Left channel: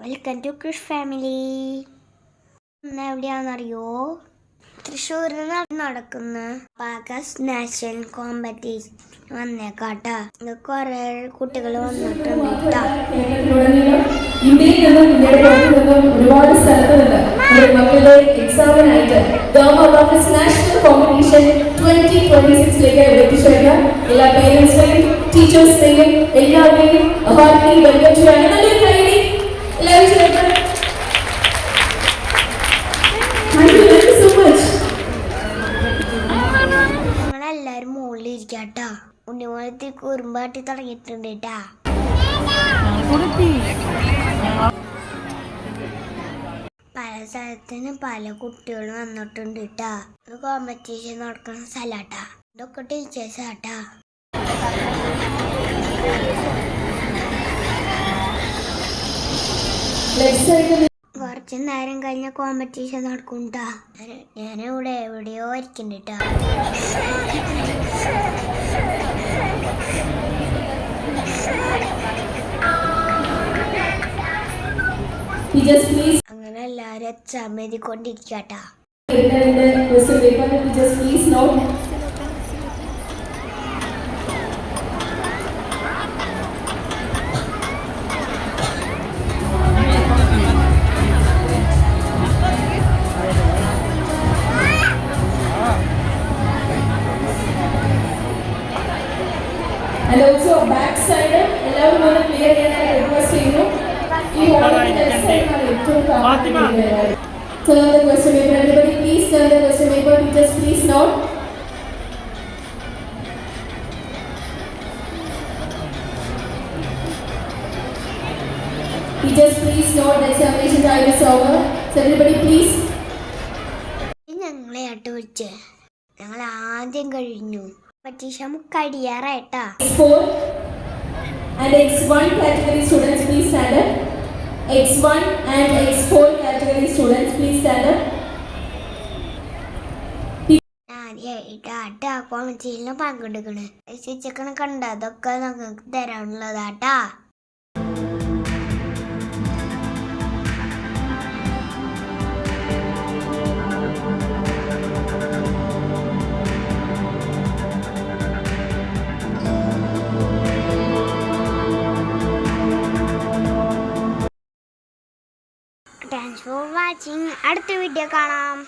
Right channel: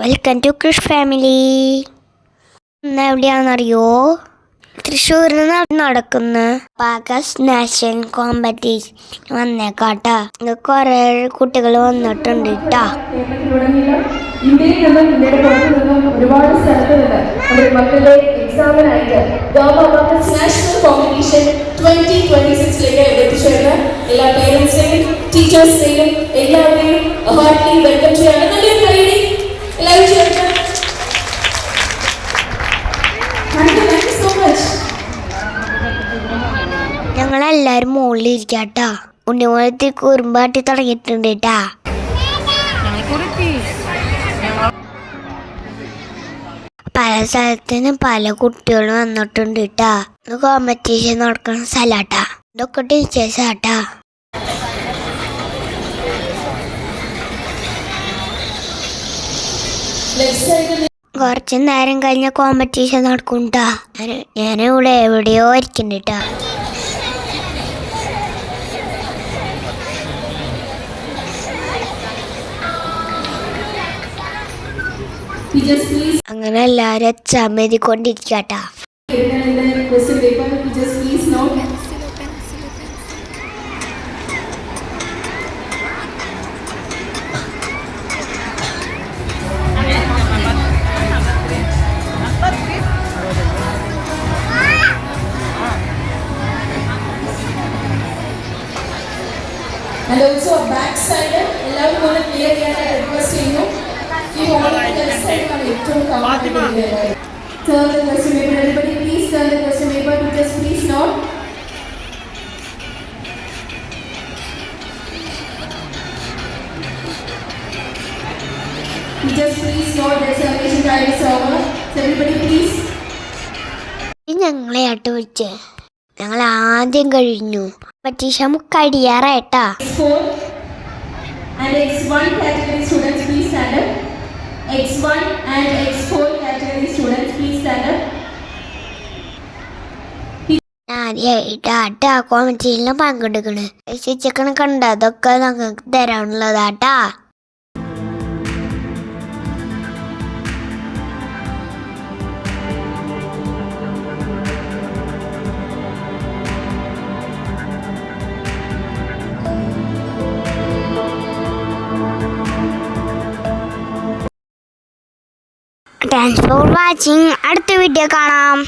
Welcome to Krish family. ഇന്ന് എവിടെയാണെന്നറിയോ? തൃശ്ശൂരിൽ നടക്കുന്ന പാകസ് നാഷണൽ കോമ്പറ്റീഷൻ വന്നേക്കാട്ടാ. കുറെ കുട്ടികൾ വന്നിട്ടുണ്ട് കേട്ടാ. ഇന്ത്യയിൽ നിന്നും ഇന്ത്യയുടെ പുറത്തു നിന്നും ഒരുപാട് സ്ഥലത്ത് നിന്ന് മക്കളുടെ എക്സാമിനായിട്ട് നാഷണൽ കോമ്പറ്റീഷൻ 2026 എത്തിച്ചേർന്ന എല്ലാ പേരൻസിനെയും ടീച്ചേഴ്സിനെയും എല്ലാവരെയും ഹാർട്ട്ലി വെൽക്കം ചെയ്യാണ്. നല്ലൊരു കൈയടി എല്ലാവരും ചേർന്ന്. ഞങ്ങളെല്ലാരും മുകളിലിരിക്കാട്ടാ. ഉണ്ണിമോളത്തി കുറുമ്പാട്ടി തുടങ്ങിയിട്ടുണ്ട് കേട്ടാ. പല സ്ഥലത്തുനിന്നും പല കുട്ടികളും വന്നിട്ടുണ്ട് കേട്ടാ. കോമ്പറ്റീഷൻ നടക്കുന്ന സ്ഥലാട്ടാ. ഇതൊക്കെ ടീച്ചേഴ്സാട്ടാ. കുറച്ച് നേരം കഴിഞ്ഞ കോമ്പറ്റീഷൻ നടക്കുംട്ടാ. ഞാനിവിടെ എവിടെയോ ഇരിക്കണ്ടാ. അങ്ങനെ എല്ലാരും exam എഴുതിക്കൊണ്ടിരിക്കട്ടാ. And also back side, എല്ലാവരും ഒന്ന് ക്ലിയർ ചെയ്യാൻ റിക്വസ്റ്റ് ചെയ്യുന്നു. ഈ ഹോളിന്റെ ലെഫ്റ്റ് സൈഡ് ആണ് ഏറ്റവും comfortable. Turn the question paper. Everybody please turn the question paper. Teachers please note. Teachers please note the examination time is over. So everybody please. ഞങ്ങളെ ആട്ട് വിളിച്ചേ. ഞങ്ങൾ ആദ്യം കഴിഞ്ഞു. പരീക്ഷ കഴിയാറായിട്ടാ. X4 and X1 category students please stand up. X1 and X4 category students please stand up. ആദ്യമായിട്ടാ കോമ്പറ്റീഷനിൽ പങ്കെടുക്കണ്. Chicken കണ്ട അതൊക്കെ ഞങ്ങൾക്ക് തരാനുള്ളതാട്ടാ. Thanks for watching. അടുത്ത വീഡിയോ കാണാം.